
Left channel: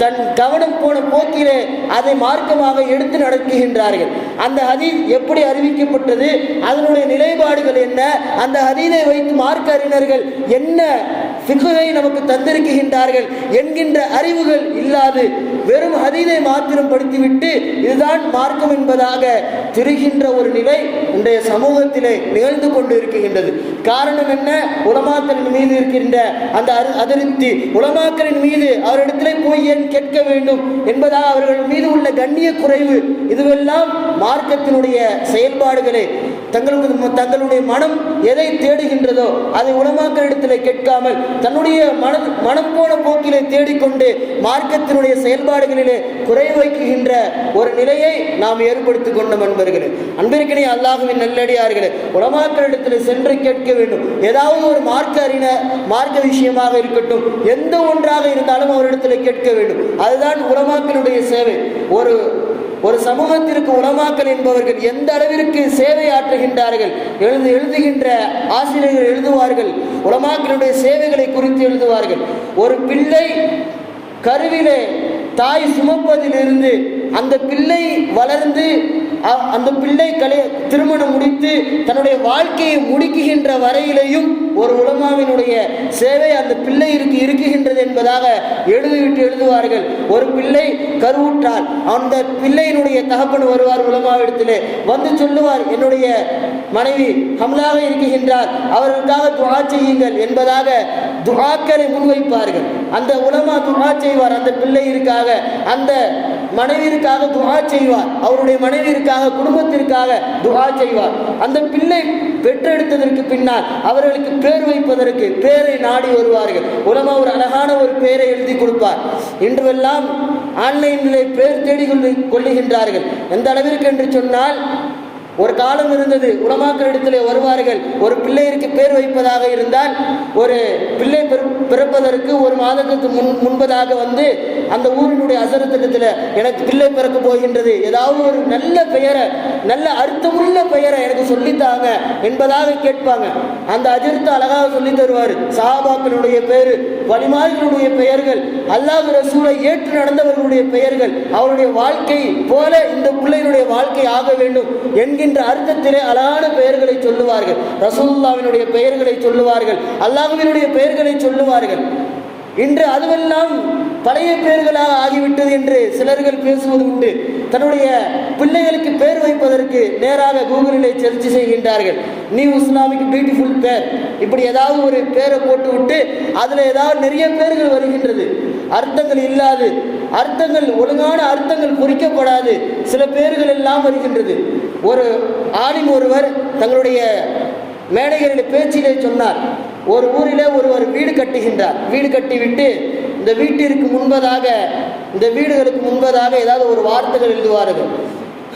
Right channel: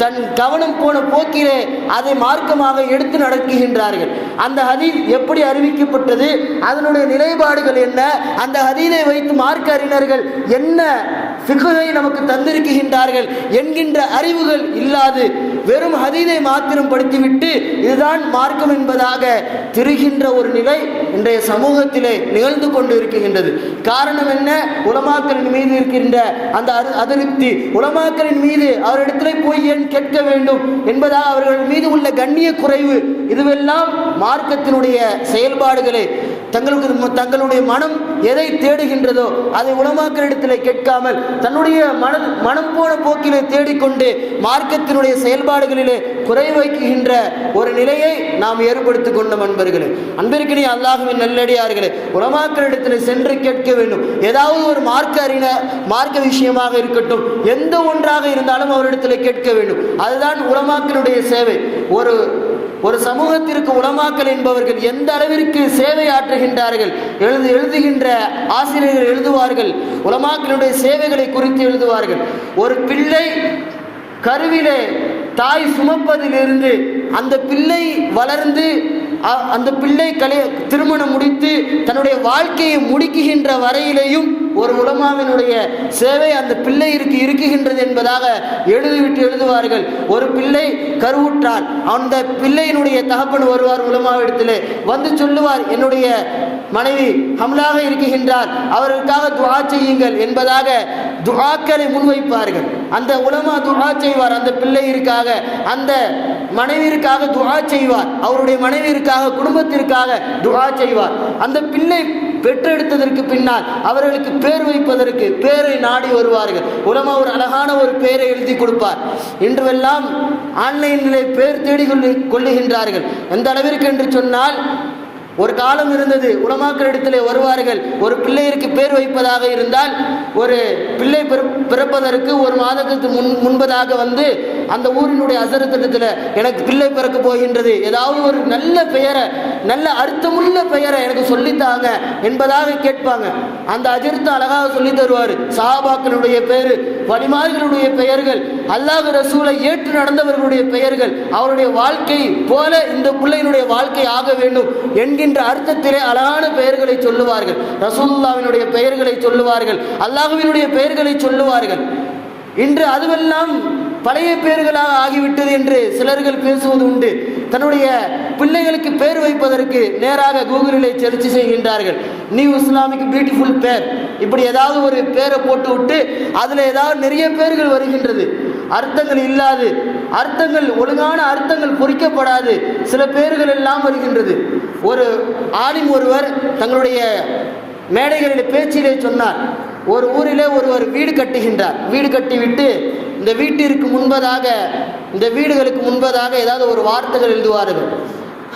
தன் கவனம் போன போக்கிலே அதை மார்க்கமாக எடுத்து நடக்குகின்றார்கள். அந்த ஹதீஸ் எப்படி அறிவிக்கப்பட்டது, அதனுடைய நிலைப்பாடுகள் என்ன, அந்த ஹதீஸை வைத்து மார்க்க அறிஞர்கள் என்ன ஃபிக்ஹை நமக்கு தந்திருக்கின்றார்கள் என்கின்ற அறிவுகள் இல்லாது வெறும் ஹதீஸை மாத்திரம் படித்துவிட்டு இதுதான் மார்க்கம் என்பதாக திரிகின்ற ஒரு நிலை இன்றைய சமூகத்திலே நிகழ்ந்து கொண்டு இருக்கின்றது. காரணம் என்ன? உலமாக்களின் மீது இருக்கின்ற அந்த அதிருப்தி, உலமாக்களின் மீது அவரிடத்திலே போய் ஏன் கேட்க வேண்டும் என்பதாக அவர்கள் மீது உள்ள கண்ணிய குறைவு, இதுவெல்லாம் மார்க்கத்தினுடைய செயல்பாடுகளே. தங்களுடைய மனம் எதை தேடுகின்றதோ அதை உலமாக்களிடத்திலே கேட்காமல் தன்னுடைய மனம் போன போக்கிலே தேடிக்கொண்டு மார்க்கத்தினுடைய செயல்பாடுகளிலே குறை வைக்கின்ற ஒரு நிலையை நாம் ஏற்படுத்திக் கொண்ட நண்பர்களே, அன்பிற்கினே அல்லாஹ்வின் நல்லடியார்களே, உலமாக்களிடத்திலே சென்று கேட்க வேண்டும். ஏதாவது ஒரு மார்க்க விஷயமாக இருக்கட்டும், எந்த ஒன்றாக இருந்தாலும் அவரிடத்திலே கேட்க வேண்டும். அதுதான் உலமாக்களுடைய சேவை. ஒரு சமூகத்திற்கு உலமாக்கள் என்பவர்கள் எந்த அளவிற்கு சேவை ஆற்றுகின்றார்கள், எழுதுகின்ற ஆசிரியர்கள் எழுதுவார்கள், உலமாக்களுடைய சேவைகளை குறித்து எழுதுவார்கள். ஒரு பிள்ளை கருவிலே தாய் சுமப்பதிலிருந்து அந்த பிள்ளை வளர்ந்து அந்த பிள்ளை திருமணம் முடித்து தன்னுடைய வாழ்க்கையை முடிக்குகின்ற வரையிலேயும் ஒரு உலமாவினுடைய சேவை அந்த பிள்ளைக்கு இருக்குகின்றது என்பதாக எழுதுவார்கள். ஒரு பிள்ளை கருவுற்றால் அந்த பிள்ளையினுடைய தகப்பன் வருவார், உலமாவிடத்திலே சொல்லுவார், என்னுடைய மனைவி ஹம்லாக இருக்குகின்றார், அவர்களுக்காக துஆ செய்யுங்கள் என்பதாக துஆக்களை முன்வைப்பார்கள். அந்த உலமா துஆ செய்வார், அந்த பிள்ளையிற்காக, அந்த மனைவிற்காக துஆ செய்வார், அவருடைய மனைவிற்காக, குடும்பத்திற்காக துஆ செய்வார். அந்த பிள்ளை பெற்றெடுத்ததற்கு பின்னால் அவர்களுக்கு பேர் வைப்பதற்கு பேரை நாடி வருவார்கள். உலமா ஒரு அழகான ஒரு பேரை எழுதி கொடுப்பார். இன்றுவெல்லாம் ஆன்லைனிலே பேர் தேடி கொள்ளுகின்றார்கள். எந்த அளவிற்கு என்று சொன்னால், ஒரு காலம் இருந்தது, உலமாக்களிடத்திலே வருவார்கள், ஒரு பிள்ளைக்கு பேர் வைப்பதாக இருந்தால் ஒரு பிள்ளை பிறப்பதற்கு ஒரு மாதத்துக்கு முன்பதாக அந்த ஊரினுடைய அசரத்திட்டத்தில் எனக்கு பிள்ளை பிறக்க போகின்றது, ஏதாவது ஒரு நல்ல பெயரை, நல்ல அர்த்தமுள்ள பெயரை எனக்கு சொல்லித்தாங்க என்பதாக கேட்பாங்க. அந்த அஜிர்த்து அழகாக சொல்லி தருவார். சஹாபாக்களுடைய பேரு, வலிமார்களுடைய பெயர்கள், அல்லாஹ் ரசூலை ஏற்று நடந்தவர்களுடைய பெயர்கள், அவருடைய வாழ்க்கை போல இந்த பிள்ளையினுடைய வாழ்க்கை ஆக வேண்டும் என்கின்ற அர்த்தத்திலே அழகான பெயர்களை சொல்லுவார்கள். ரசூலுல்லாஹ்வினுடைய பெயர்களை சொல்லுவார்கள், அல்லாஹ்வினுடைய பெயர்களை சொல்லுவார்கள். இன்று அதுவெல்லாம் பழைய பெயர்களாக ஆகிவிட்டது என்று சிலர்கள் பேசுவது உண்டு. தன்னுடைய பிள்ளைகளுக்கு பெயர் வைப்பதற்கு நேராக கூகுளிலே சர்ச் செய்கின்றார்கள். நியூ இஸ்லாமிக் பியூட்டிஃபுல் பேர், இப்படி ஏதாவது ஒரு பேரை போட்டு விட்டு அதில் ஏதாவது நிறைய பேர்கள் வருகின்றது. அர்த்தங்கள் இல்லாது, அர்த்தங்கள் ஒழுங்கான அர்த்தங்கள் பொறிக்கப்படாது சில பேர்கள் எல்லாம் வருகின்றது. ஒரு ஆலிம் ஒருவர் தங்களுடைய மேடைகளில் பேச்சிலே சொன்னார், ஒரு ஊரிலே ஒருவர் வீடு கட்டுகின்றார். வீடு கட்டிவிட்டு இந்த வீட்டிற்கு முன்பதாக, இந்த வீடுகளுக்கு முன்பதாக ஏதாவது ஒரு வார்த்தைகள் எழுதுவார்கள்.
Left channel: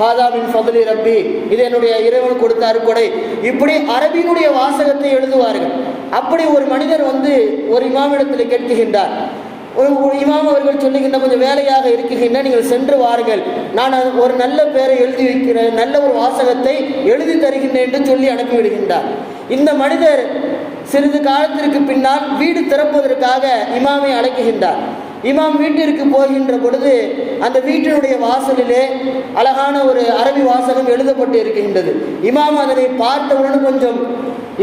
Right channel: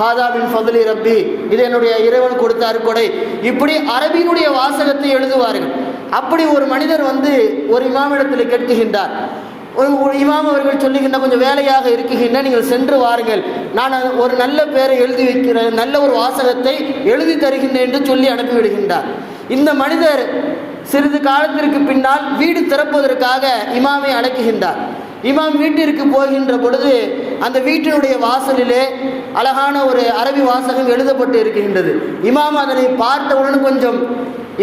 ஹாதா மின் ஃபத்லி ரப்பி, இது என்னுடைய இறைவன் கொடுத்த அருட்கொடை, இப்படி அரபியினுடைய வாசகத்தை எழுதுவார்கள். அப்படி ஒரு மனிதர் ஒரு இமாமிடத்தில் கேட்கின்றார். ஒரு இமாம் அவர்கள் சொல்லுகின்ற, கொஞ்சம் வேலையாக இருக்குகின்ற, நீங்கள் சென்று வாருங்கள், நான் ஒரு நல்ல பேரை எழுதி வைக்கிறேன், நல்ல ஒரு வாசகத்தை எழுதி தருகின்றேன் என்று சொல்லி அனுப்பிவிடுகின்றார். இந்த மனிதர் சிறிது காலத்திற்கு பின்னால் வீடு திறப்பதற்காக இமாமை அழைக்குகின்றார். இமாம் வீட்டிற்கு போகின்ற பொழுது அந்த வீட்டினுடைய வாசலிலே அழகான ஒரு அரபி வாசகம் எழுதப்பட்டு இருக்கின்றது. இமாம் அதனை பார்த்தவுடன் கொஞ்சம்,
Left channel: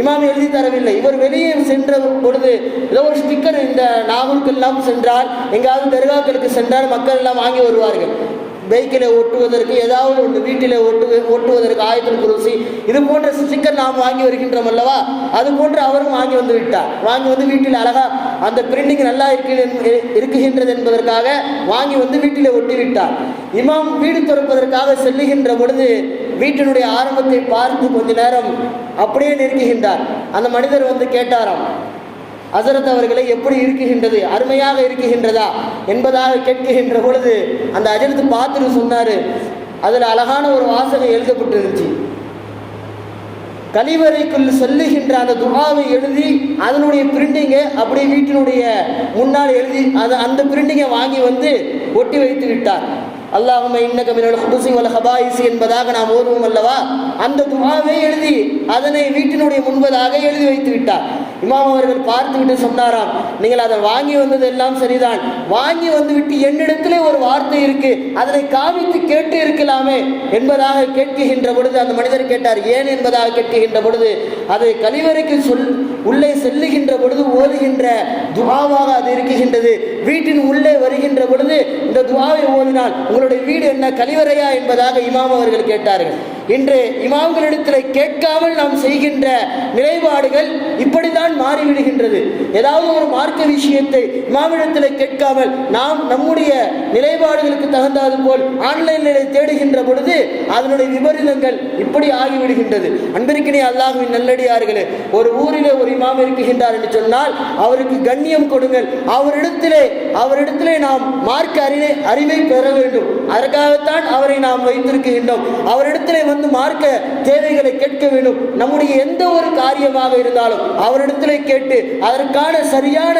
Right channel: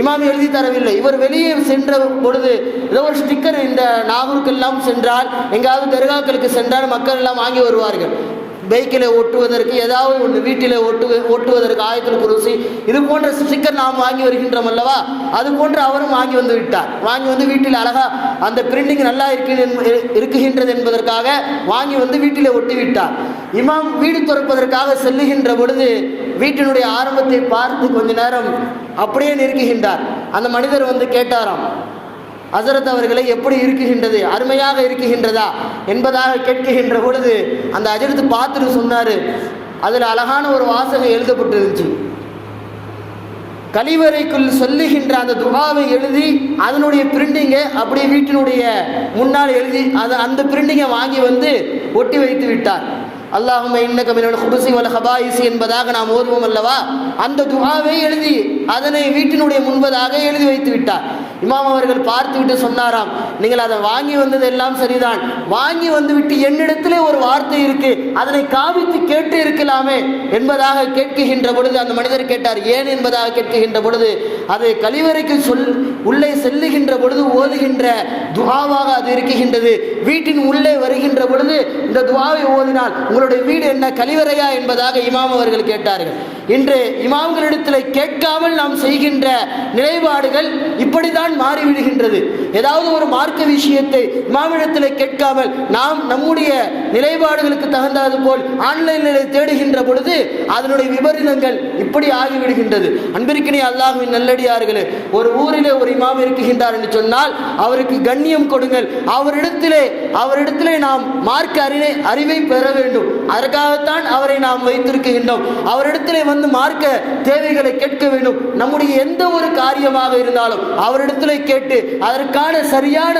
இமாம் எழுதி தரவில்லை, இவர் வெளியே சென்ற பொழுது ஏதோ ஒரு ஸ்டிக்கர், இந்த நாகூருக்கெல்லாம் சென்றால், எங்காவது தர்காக்களுக்கு சென்றால் மக்கள் எல்லாம் வாங்கி வருவார்கள். பைக்கில் ஒட்டுவதற்கு ஏதாவது ஒன்று வீட்டில் ஒட்டுவதற்கு ஆயத்துல் குர்சி இது போன்ற ஸ்டிக்கர் நாம் வாங்கி வருகின்றோம் அல்லவா, அது போன்று அவரும் வாங்கி வந்து விட்டார். வாங்கி வந்து வீட்டில் அழகா அந்த பிரிண்டிங் நல்லா இருக்குகின்றது என்பதற்காக வாங்கி வந்து வீட்டில் ஒட்டி விட்டார். இமாம் வீடு திறப்பதற்காக செல்லுகின்ற பொழுது வீட்டினுடைய ஆரம்பத்தை பார்த்து கொஞ்ச நேரம் அப்படியே நிற்குகின்றார். அந்த மனிதர் வந்து கேட்டாராம், ஹஸரத் அவர்களை எப்படி இருக்குகின்றது, அருமையாக இருக்குகின்றதா என்பதாக கேட்கின்ற பொழுது அந்த ஹஜரத் பார்த்துட்டு சொன்னார், அதில் அழகான ஒரு வாசகம் எழுதப்பட்டு இருந்துச்சு. கழிவறைக்குள் சொல்லுகின்ற அந்த துஆவை எழுதி அதனுடைய பிரிண்டிங்கை அப்படியே வீட்டினுடைய முன்னால் எழுதி அந்த பிரிண்டிங்கை வாங்கி வந்து ஒட்டி வைத்து விட்டார். அல்லாஹும்ம இன்னக மினல் குபுஸி வல் ஹபாயிஸி என்பதாக நாம் ஓதுவோம் அல்லவா, அந்த துஆவை எழுதி அதனை வீட்டினுடைய முன்பதாக எழுதி வைத்து விட்டார். இமாம் அவர்கள் பார்த்து விட்டு சொன்னாராம், நீங்கள் அதை வாங்கி வந்தது எல்லாம் சரிதான், வாங்கி வந்து விட்டு என்னிடத்திலே ஒரு வார்த்தை இருக்கு, அதனை காமித்து கேட்டு இருக்கலாமே என்பதாக கேட்கின்ற பொழுது அந்த மனிதர் கேட்டார், ஏன் என்பதாக கேட்கின்ற பொழுது அது கழிவறைக்கு உள்ளே செல்லுகின்ற பொழுது ஓதுகின்ற துஆவாக அது இருக்குகின்றது. வீட்டின் உள்ளே வருகின்ற பொழுது இந்த துஆவை ஓதினால் உங்களுடைய வீடு என்ன கழிவறையா என்பதாக இமாம் அவர்கள் கேட்டார்கள். இன்று இமாம்களிடத்தில் கேட்காமல் நாம் செய்கின்ற நிலைப்பாடுகள் இப்படிதான் மாறிவிடுகின்றது. ஏதாவது ஒரு மார்க்க விஷயத்தை இமாமிடத்தில் கேட்காமல் நாம் நம்முடைய நிலைப்பாடுகளுக்கு தகுந்தது போல் ஆன்லைனில் தேடுகின்ற பொழுது அதனுடைய விபரீதங்கள் இப்படி ஆகிவிடுகின்றது. அன்பிற்கினே அல்லாஹ்வின் நல்லடியார்களே, ஒரு ஊரிலே ஒரு இமாம் இருக்குகின்றார் என்று சொன்னால் அவருக்கு கண்ணியம் கொடுங்கள். அவரிடத்திலே நாம் மார்க்க அறிவை பெற வேண்டும். அதற்காகத்தான் அவரை நாம் வைத்திருக்கின்றோம். அவரிடத்திலே வந்து மார்க்க தேவைகளை கேட்க வேண்டும். நம்முடைய எந்த ஒரு காரியமாக இருந்தாலும் அவரிடத்திலே கேட்டு அதற்கான சரியான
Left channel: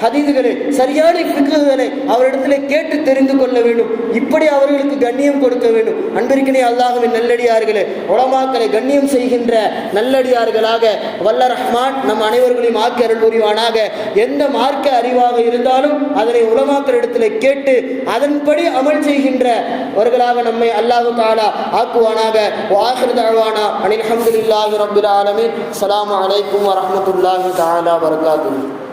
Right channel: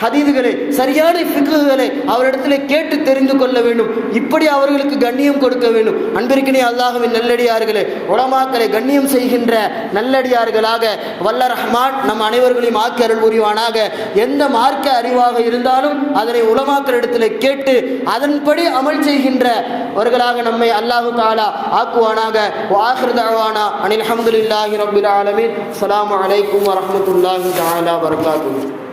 ஹதீதுகளை சரியான ஃபிக்ஹுகளை அவரிடத்திலே கேட்டு தெரிந்து கொள்ள வேண்டும். இப்படி அவர்களுக்கு கண்ணியம் கொடுக்க வேண்டும். அன்பிற்கினே அல்லாஹ்வின் நல்லடியார்களே, உலமாக்களை கண்ணியம் செய்கின்ற நல்லடியார்களாக வல்ல ரஹ்மான் நம் அனைவர்களையும் ஆக்கி அருள் புரிவானாக. எந்த மார்க்க அறிவாக இருந்தாலும் அதனை உலமாக்களிடத்திலே கேட்டு அதன்படி அமல் செய்கின்றவர்களாக நம்மை அல்லாஹு தஆலா ஆக்குவானாக. வஆஹிரு தஅவானா அனில் ஹம்துலில்லாஹி ரப்பில் ஆலமீன். அஸ்ஸலாமு அலைக்கும் வரஹ்மத்துல்லாஹி தஆலா வபரகாத்துஹு.